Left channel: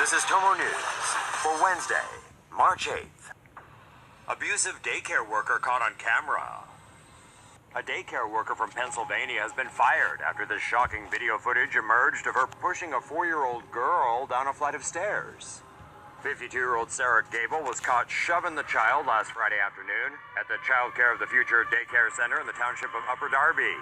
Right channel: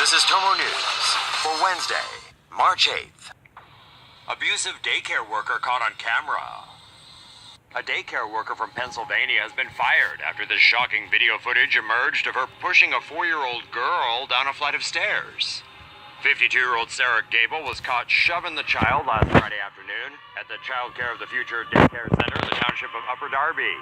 This is Tomo News for Wednesday, March 8th. Abusive daycare worker caught on camera. A daycare worker from Pennsylvania has been fired after this shocking video footage emerged of her pushing a 4-year-old girl down a flight of stairs. 52-year-old Sarah Gable was caught shoving the child last Friday afternoon at the Child Care of the Future Daycare Center in the township of Upper Darby.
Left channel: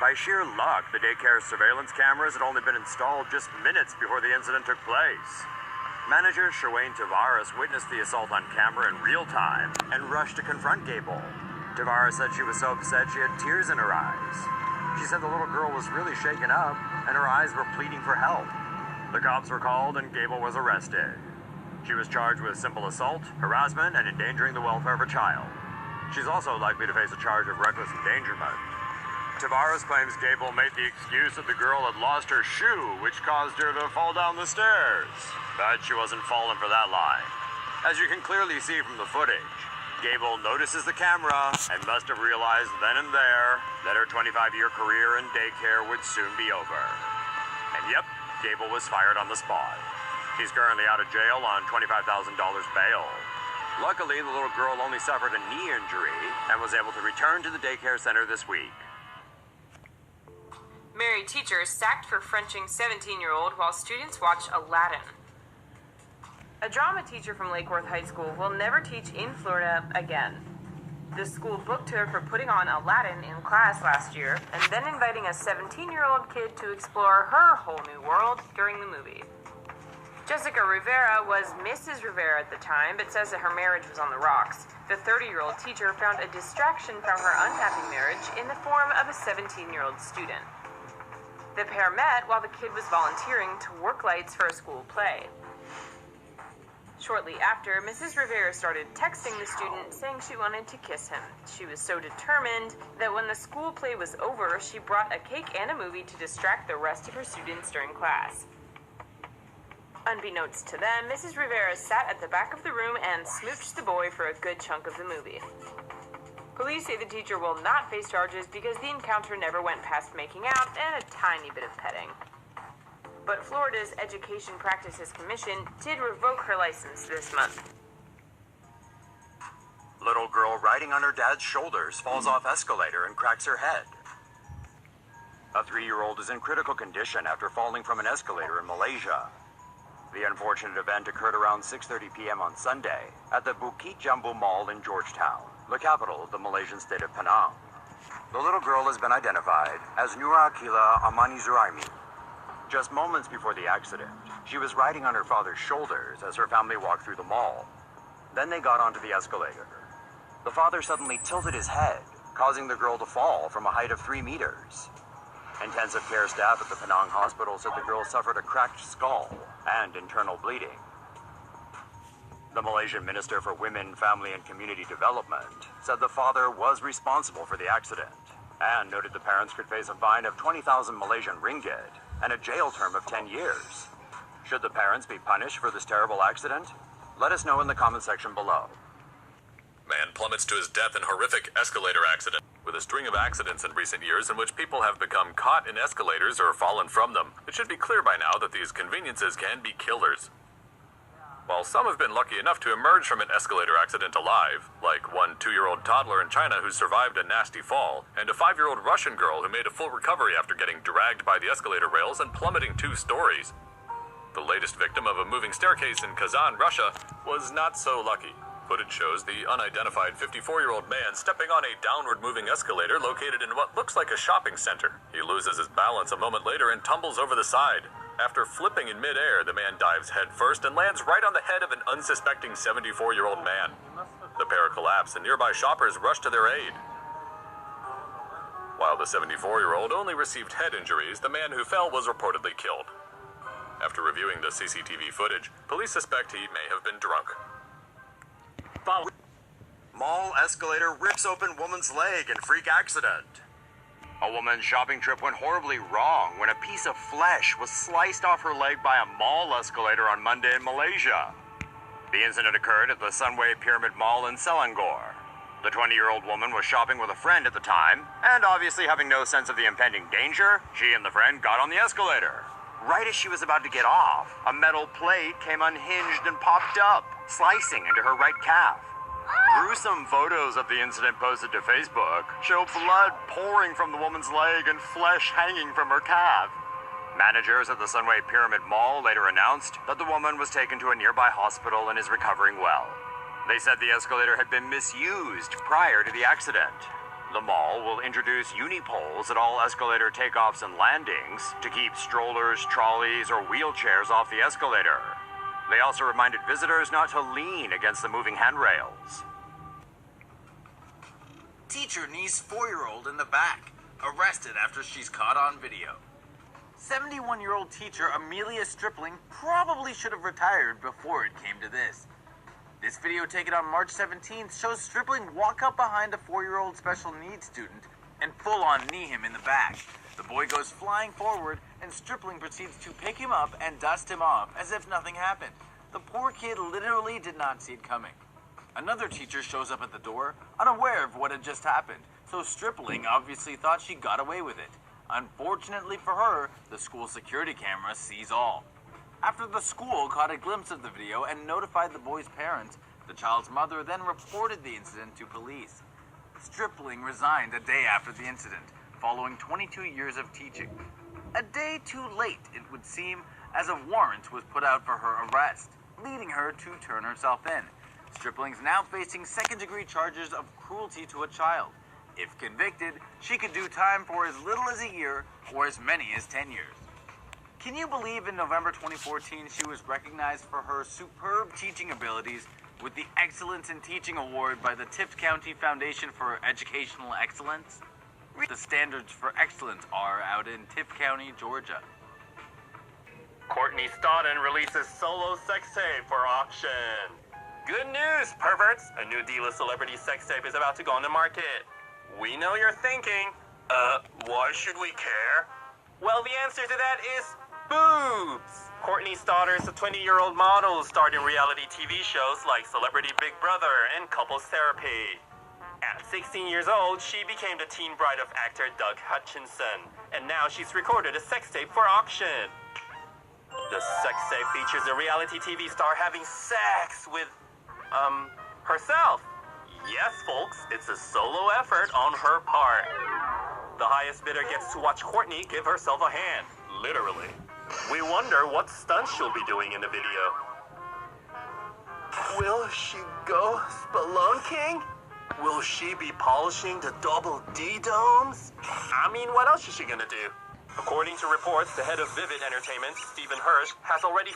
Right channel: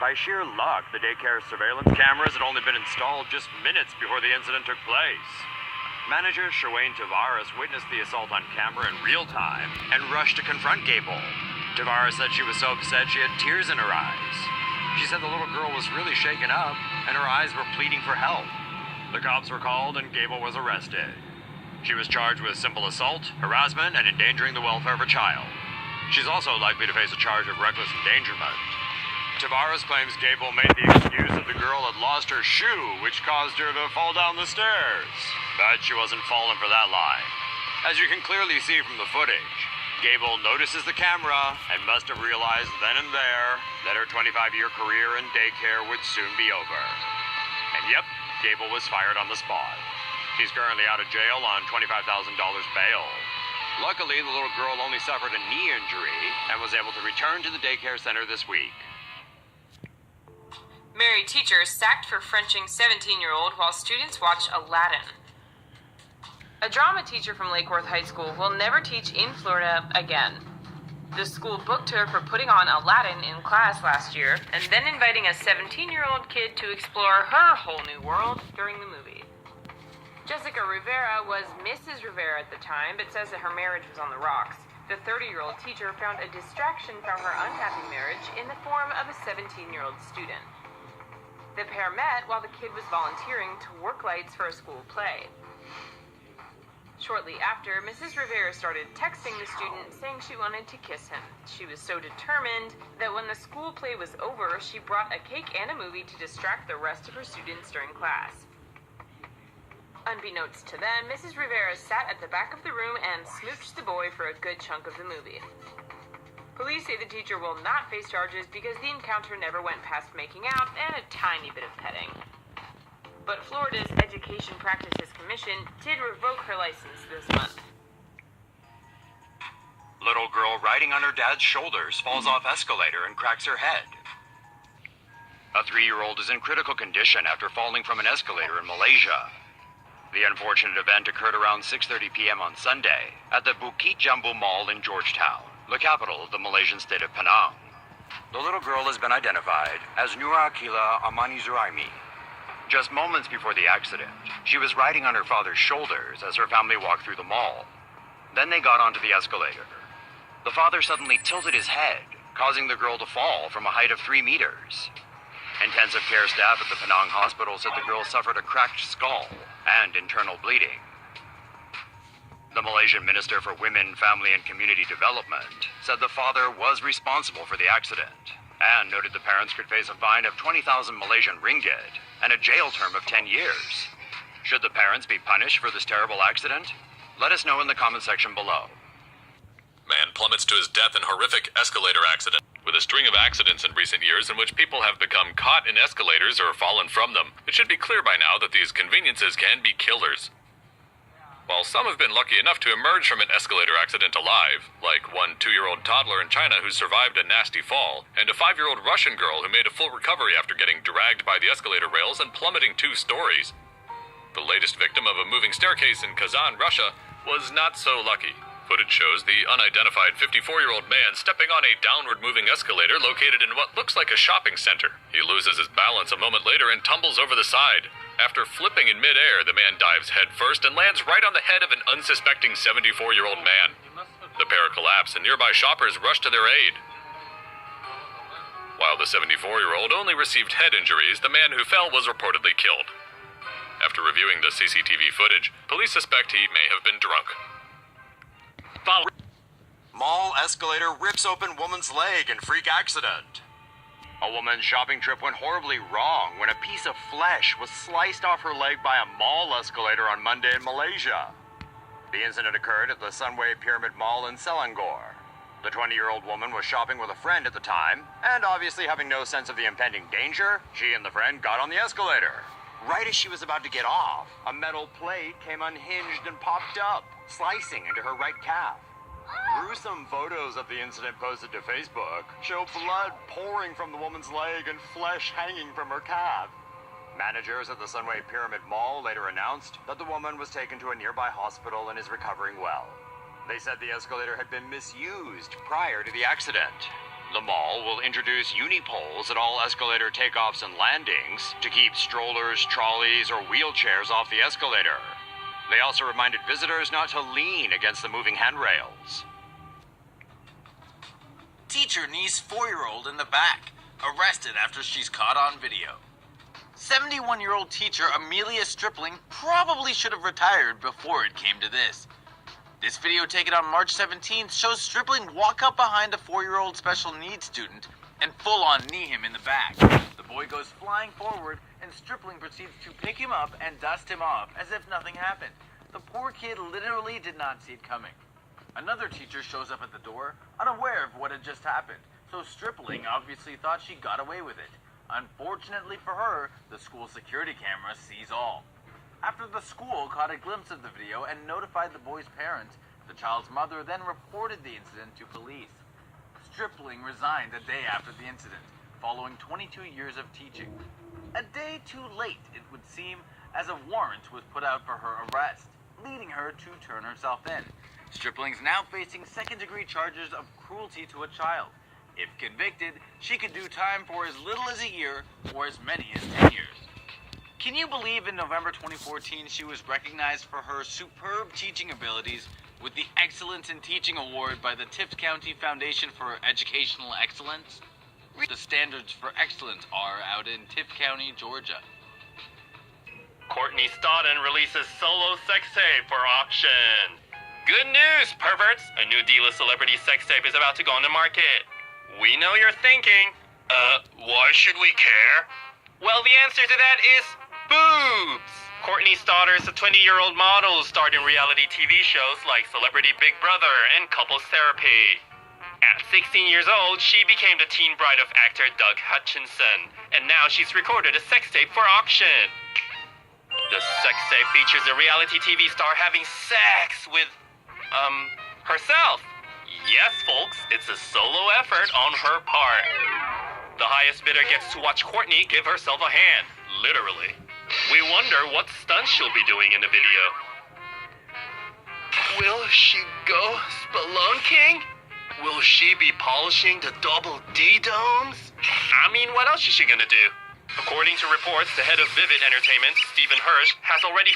By sheer luck, the daycare's surveillance cameras had only been installed just minutes before the incident took place. Manager Shawayne Tavares witnessed the assault on camera in real time and rushed to confront Gable. Tavares said she was so upset she had tears in her eyes. She said the little girl was really shaken up and her eyes were pleading for help. The cops were called and Gable was arrested. She was charged with simple assault, harassment, and endangering the welfare of a child. She's also likely to face a charge of reckless endangerment. Tavares claims Gable made the excuse that the girl had lost her shoe, which caused her to fall down the stairs. But she wasn't falling for that line. As you can clearly see from the footage, Gable notices the camera and must have realized then and there that her 25-year career in daycare would soon be over. And yep, Gable was fired on the spot. She's currently out of jail on $25,000 bail. Luckily, the little girl only suffered a knee injury and was able to return to the daycare center this week. Married teacher sacked for Frenching 17-year-old while students watch Aladdin. A drama teacher from Lakeworth High School will never teach in Florida again. The school booked her for putting on Aladdin in class last year and then inviting a 17-year-old kid to explore her whole new world during the movie. Jessica Rivera was Mrs. Rivera at the time, but says that her marriage was on the rocks. The 30-year-old teacher found a distraction from her unhappy marriage in the form of a 17-year-old student. The pair met while the kid was volunteering to work lights for a school play. Shortly after, Mrs. Rivera started texting the student saying she wanted to kiss him. She was so determined that when the school play was over, she brought a cake and a movie to distract the rest of her students during class. Unbeknownst to them, Mrs. Rivera sat at the back of the room and smooched the boy for a good chunk of the movie. Police say the teacher will not face charges because the encounter never went past making out and a tiny bit of petting. But Florida's Education Practices Commission did revoke her license this month. Little girl riding on her dad's shoulders falls off escalator and cracks her head. A 3-year-old is in critical condition after falling from an escalator in Malaysia. The unfortunate event occurred around 6:30 p.m. on Sunday at the Bukit Jambu Mall in Georgetown, the capital of the Malaysian state of Penang. The little girl has been identified as Nura Akila Amani Zuraimi. Just moments before the accident, she was riding on her father's shoulders as her family walked through the mall. Then they got onto the escalator. The father suddenly tilted his head, causing the girl to fall from a height of 3 meters. Intensive care staff at the Penang hospital said the girl suffered a cracked skull and internal bleeding. The Malaysian Minister for Women, Family and Community Development said the father was responsible for the accident and noted the parents could face a fine of 20,000 Malaysian ringgit and a jail term of 10 years. Should the parents be punished for this terrible accident? Let us know in the comment section below. Man plummets to his death in horrific escalator accident. With a string of accidents in recent years in which people have become caught in escalators or fallen from them, it should be clear by now that these conveniences can be killers. While some have been lucky enough to emerge from an escalator accident alive, like one 2-year-old toddler in China who survived a nasty fall, and a 5-year-old Russian girl who made a full recovery after getting dragged by the escalator rails and plummeting 2 stories. The latest victim of a moving staircase in Kazan, Russia, was not so lucky. Footage shows the unidentified 54-year-old man stepping on a downward-moving escalator located in what looks like a shopping center. He loses his balance a moment later and tumbles over the side. After flipping in midair, the man dives headfirst and lands right on the head of an unsuspecting 74-year-old man. The pair collapse and nearby shoppers rush to their aid. While the 74-year-old only received head injuries, the man who fell was reportedly killed. After reviewing the CCTV footage, police suspect he may have been drunk. Mall escalator rips open woman's leg in freak accident. A woman's shopping trip went horribly wrong when a piece of flesh was sliced off her leg by a mall escalator on Monday in Malaysia. The incident occurred at the Sunway Pyramid Mall in Selangor. The 20-year-old woman was shopping with a friend at the time, and obviously having no sense of the impending danger, she and the friend got on the escalator. Right as she was about to get off, a metal plate came unhinged and popped up, slicing into her right calf. Gruesome photos of the incident posted to Facebook show blood pouring from the woman's leg and flesh hanging from her calf. Managers at the Sunway Pyramid Mall later announced that the woman was taken to a nearby hospital and is recovering well. They said the escalator had been misused prior to the accident. The mall will introduce unipoles at all escalator takeoffs and landings to keep strollers, trolleys, or wheelchairs off the escalator. They also reminded visitors not to lean against the moving handrails. Teacher knees 4-year-old in the back, arrested after she's caught on video. 71-year-old teacher Amelia Stripling probably should have retired before it came to this. This video taken on March 17th shows Stripling walk up behind a 4-year-old special needs student and full-on knee him in the back. The boy goes flying forward and Stripling proceeds to pick him up and dust him off as if nothing happened. The poor kid literally did not see it coming. Another teacher shows up at the door, unaware of what had just happened, so Stripling obviously thought she got away with it. Unfortunately for her, the school security camera sees all. After the school caught a glimpse of the video and notified the boy's parents, the child's mother then reported the incident to police. Stripling resigned a day after the incident, following 22 years of teaching. A day too late, it would seem, as a warrant was put out for her arrest, leading her to turn herself in. Stripling's now facing second-degree charges of cruelty to a child. If convicted, she could do time for as little as a year or as many as 10 years. Can you believe in November 2014 she was recognized for her superb teaching abilities with the Excellence in Teaching Award by the Tift County Foundation for Educational Excellence? The standards for excellence are out in Tift County, Georgia. Courtney Stodden releases solo sex tape for auction. Good news, perverts! A new D-list celebrity sex tape is about to go on the market. We know you're thinking, why should we care? Well, the answer to that is boobs! Courtney Stodder is a 20-year-old model who starred in reality TV shows like Celebrity Big Brother and Couples Therapy. At 16 years old, she became the teen bride of actor Doug Hutchinson, and now she's recorded a sex tape for auction. The sex tape features a reality TV star having sex with, herself. Yes, folks, it's a solo effort on her part. The highest bidder gets to watch Courtney give herself a hand, literally. We wonder what stunts she'll be doing in the video. Will she go spelunking? Will she be polishing the double D domes? I mean, what else is she gonna do? According to reports, the head of Vivid Entertainment, Stephen Hirsch, has already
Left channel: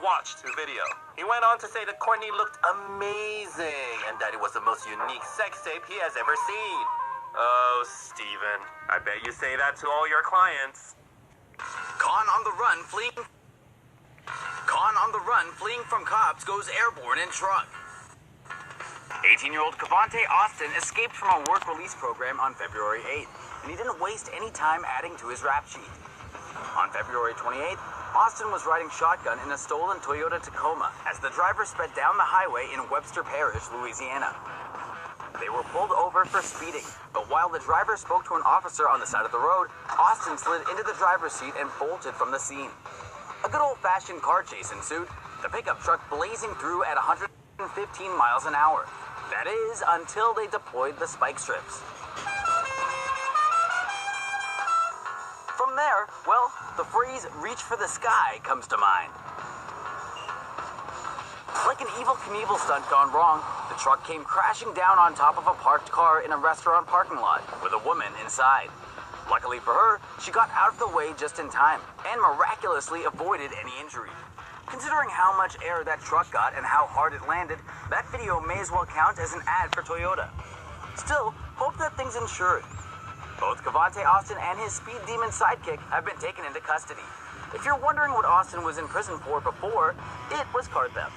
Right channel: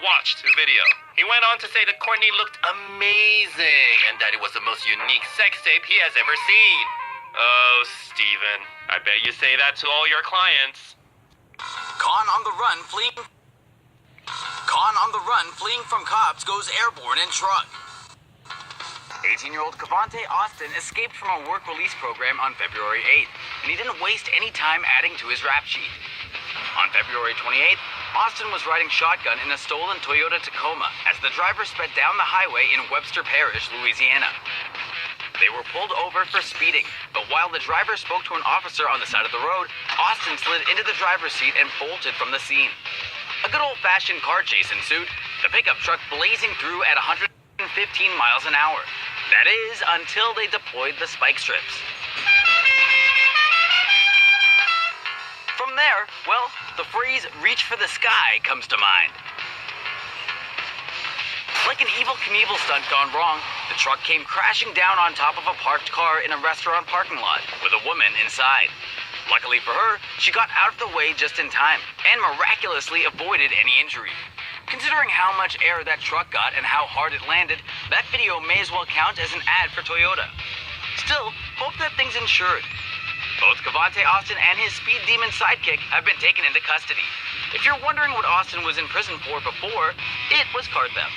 watched the video. He went on to say that Courtney looked amazing and that it was the most unique sex tape he has ever seen. Oh, Stephen, I bet you say that to all your clients. Con on the run fleeing from cops goes airborne in truck. 18-year-old Cavante Austin escaped from a work release program on February 8th, and he didn't waste any time adding to his rap sheet. On February 28th, Austin was riding shotgun in a stolen Toyota Tacoma as the driver sped down the highway in Webster Parish, Louisiana. They were pulled over for speeding, but while the driver spoke to an officer on the side of the road, Austin slid into the driver's seat and bolted from the scene. A good old-fashioned car chase ensued, the pickup truck blazing through at 115 miles an hour. That is, until they deployed the spike strips. From there, well, the phrase "reach for the sky" comes to mind. Like an Evel Knievel stunt gone wrong, the truck came crashing down on top of a parked car in a restaurant parking lot with a woman inside. Luckily for her, she got out of the way just in time and miraculously avoided any injury. Considering how much air that truck got and how hard it landed, that video may as well count as an ad for Toyota. Still, hope that thing's insured. Both Cavante Austin and his speed demon sidekick have been taken into custody. If you're wondering what Austin was in prison for before, it was car theft.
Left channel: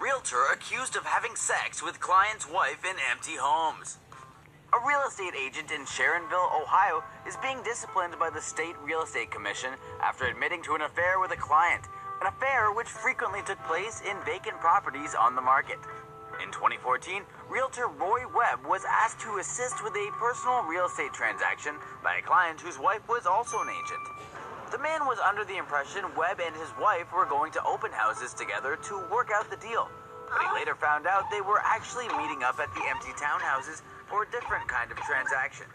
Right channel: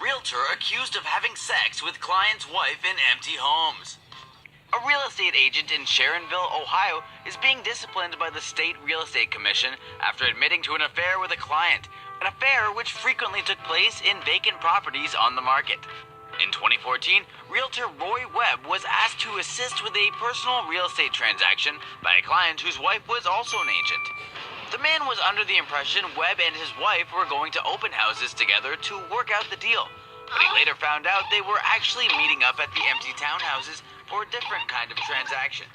Realtor accused of having sex with client's wife in empty homes. A real estate agent in Sharonville, Ohio, is being disciplined by the State Real Estate Commission after admitting to an affair with a client, an affair which frequently took place in vacant properties on the market. In 2014, realtor Roy Webb was asked to assist with a personal real estate transaction by a client whose wife was also an agent. The man was under the impression Webb and his wife were going to open houses together to work out the deal. But he later found out they were actually meeting up at the empty townhouses for a different kind of transaction.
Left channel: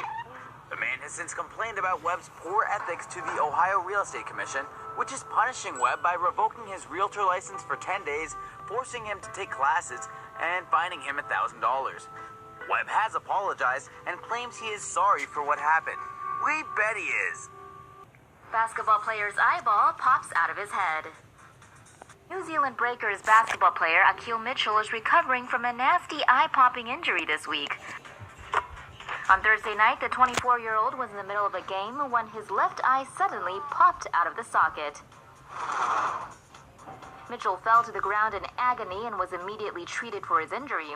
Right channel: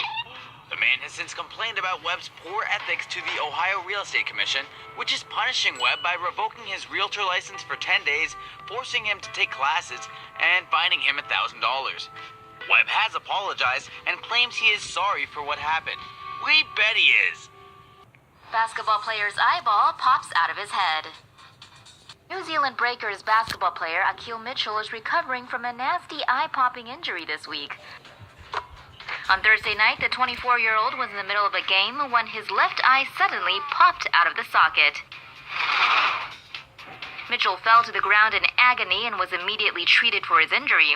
The man has since complained about Webb's poor ethics to the Ohio Real Estate Commission, which is punishing Webb by revoking his realtor license for 10 days, forcing him to take classes, and fining him $1,000. Webb has apologized and claims he is sorry for what happened. We bet he is. Basketball player's eyeball pops out of his head. New Zealand Breakers basketball player Akil Mitchell is recovering from a nasty eye-popping injury this week. On Thursday night, the 24-year-old was in the middle of a game when his left eye suddenly popped out of the socket. Mitchell fell to the ground in agony and was immediately treated for his injury.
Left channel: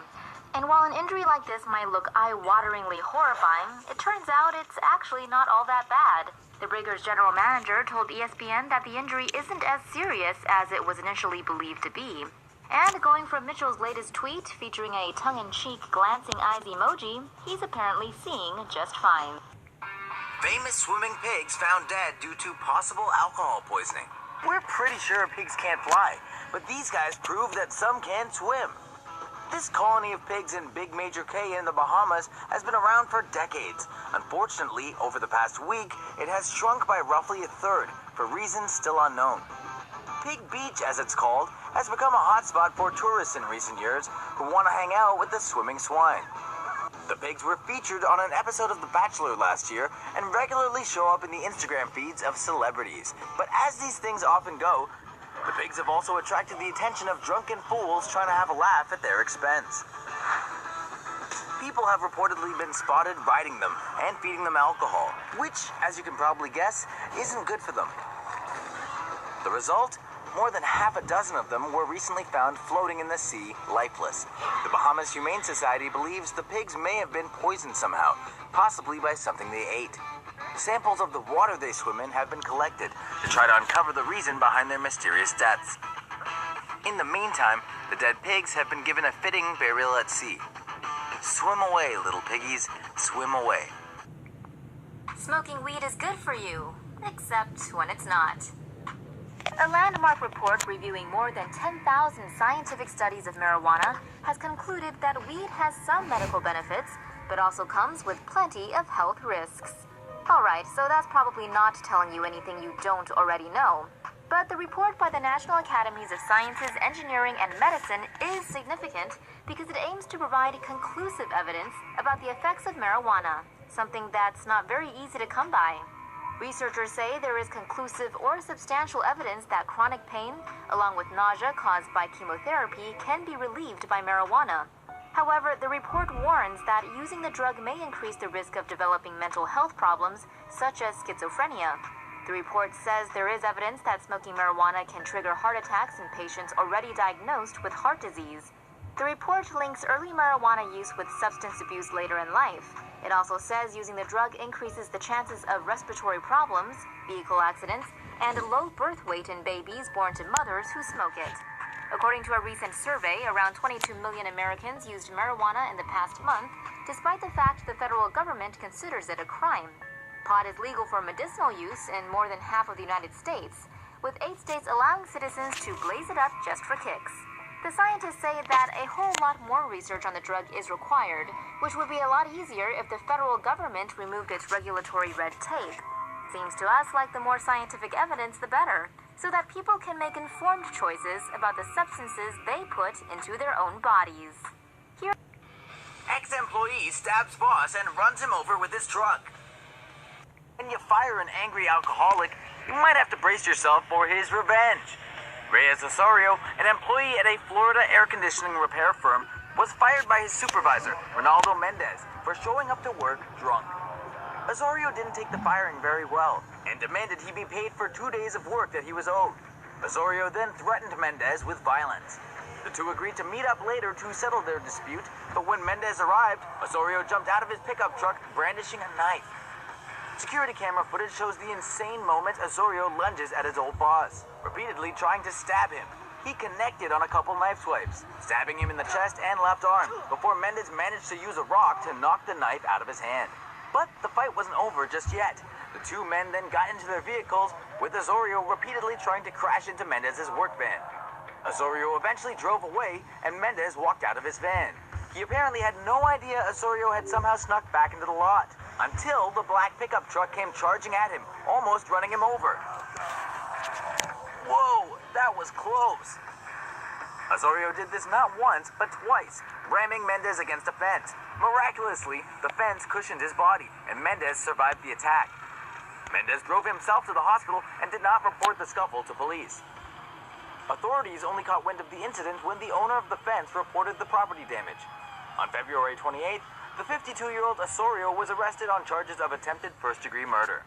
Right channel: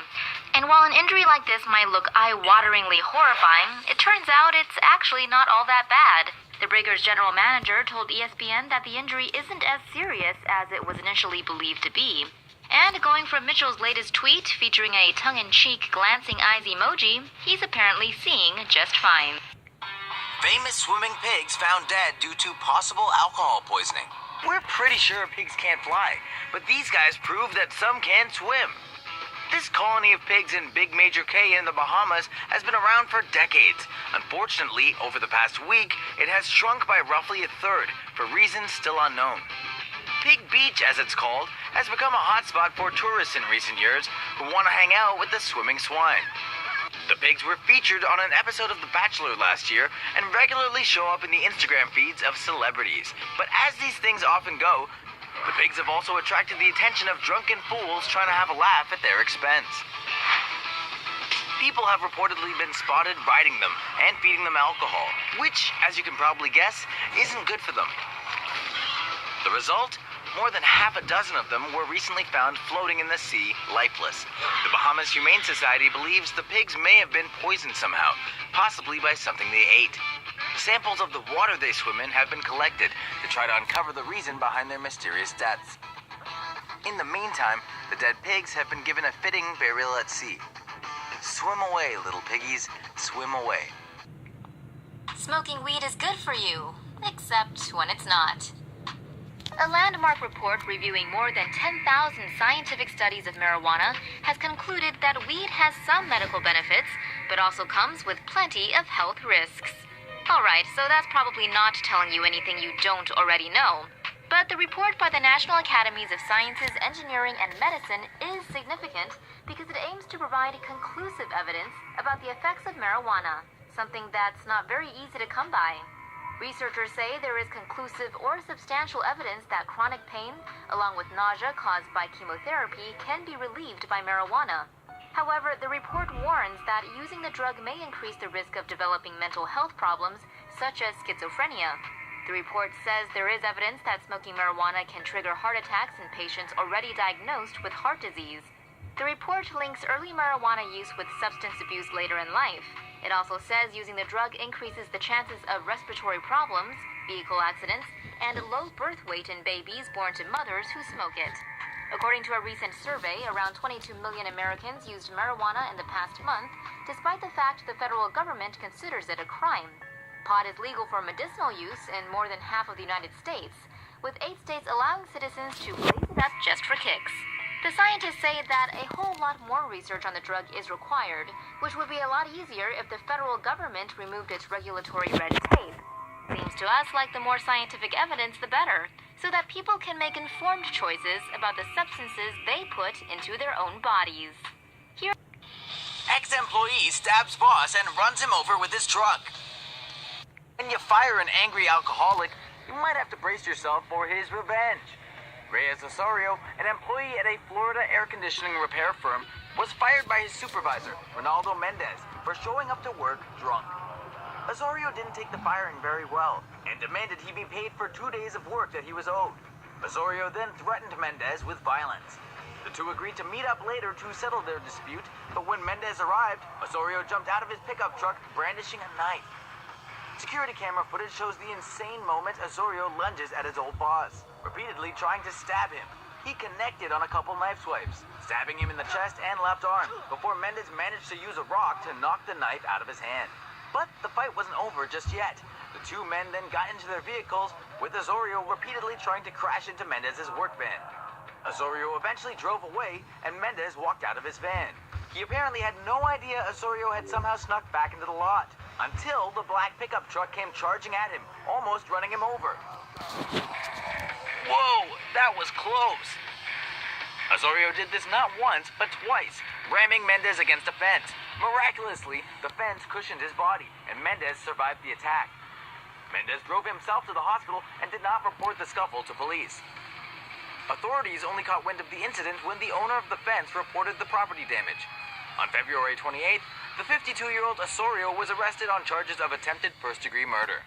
And while an injury like this might look eye-wateringly horrifying, it turns out it's actually not all that bad. The Breakers' general manager told ESPN that the injury isn't as serious as it was initially believed to be. And going from Mitchell's latest tweet, featuring a tongue-in-cheek glancing eyes emoji, he's apparently seeing just fine. Famous swimming pigs found dead due to possible alcohol poisoning. We're pretty sure pigs can't fly, but these guys prove that some can swim. This colony of pigs in Big Major Cay in the Bahamas has been around for decades. Unfortunately, over the past week, it has shrunk by roughly a third, for reasons still unknown. Pig Beach, as it's called, has become a hotspot for tourists in recent years who want to hang out with the swimming swine. The pigs were featured on an episode of The Bachelor last year and regularly show up in the Instagram feeds of celebrities. But as these things often go, the pigs have also attracted the attention of drunken fools trying to have a laugh at their expense. People have reportedly been spotted riding them and feeding them alcohol, which, as you can probably guess, isn't good for them. The result? More than half a dozen of them were recently found floating in the sea, lifeless. The Bahamas Humane Society believes the pigs may have been poisoned somehow, possibly by something they ate. Samples of the water they swim in have been collected to try to uncover the reason behind their mysterious deaths. In the meantime, the dead pigs have been given a fitting burial at sea. Swim away, little piggies, swim away. Smoking weed is good for you, except when it's not. A landmark report reviewing more than 10,000 scientific studies of marijuana has concluded that weed has some medical benefits, but also comes with plenty of health risks. Alright, so that's probably not telling you anything you don't already know. But the report by the National Academies of Sciences, Engineering, and Medicine is significant because it aims to provide conclusive evidence about the effects of marijuana, something that's not very easy to come by. Researchers say there is conclusive or substantial evidence that chronic pain, along with nausea caused by chemotherapy, can be relieved by marijuana. However, the report warns that using the drug may increase the risk of developing mental health problems, such as schizophrenia. The report says there is evidence that smoking marijuana can trigger heart attacks in patients already diagnosed with heart disease. The report links early marijuana use with substance abuse later in life. It also says using the drug increases the chances of respiratory problems, vehicle accidents, and low birth weight in babies born to mothers who smoke it. According to a recent survey, around 22 million Americans used marijuana in the past month, despite the fact the federal government considers it a crime. Pot is legal for medicinal use in more than half of the United States, with 8 states allowing citizens to blaze it up just for kicks. The scientists say that a whole lot more research on the drug is required, which would be a lot easier if the federal government removed its regulatory red tape. Seems to us like the more scientific evidence, the better, so that people can make informed choices about the substances they put into their own bodies. Here, Ex-employee stabs boss and runs him over with his truck. When you fire an angry alcoholic, you might have to brace yourself for his revenge. Reyes Osorio, an employee at a Florida air conditioning repair firm, was fired by his supervisor, Ronaldo Mendez, for showing up to work drunk. Osorio didn't take the firing very well and demanded he be paid for 2 days of work that he was owed. Osorio then threatened Mendez with violence. The two agreed to meet up later to settle their dispute, but when Mendez arrived, Osorio jumped out of his pickup truck brandishing a knife. Security camera footage shows the insane moment Osorio lunges at his old boss, repeatedly trying to stab him. He connected on a couple knife swipes, stabbing him in the chest and left arm, before Mendez managed to use a rock to knock the knife out of his hand. But the fight wasn't over just yet. The two men then got into their vehicles, with Osorio repeatedly trying to crash into Mendez's work van. Osorio eventually drove away, and Mendez walked out of his van. He apparently had no idea Osorio had somehow snuck back into the lot, until the black pickup truck came charging at him, almost running him over. Whoa, that was close. Osorio did this not once, but twice, ramming Mendez against a fence. Miraculously, the fence cushioned his body, and Mendez survived the attack. Mendez drove himself to the hospital and did not report the scuffle to police. Authorities only caught wind of the incident when the owner of the fence reported the property damage. On February 28th, the 52-year-old Osorio was arrested on charges of attempted first-degree murder.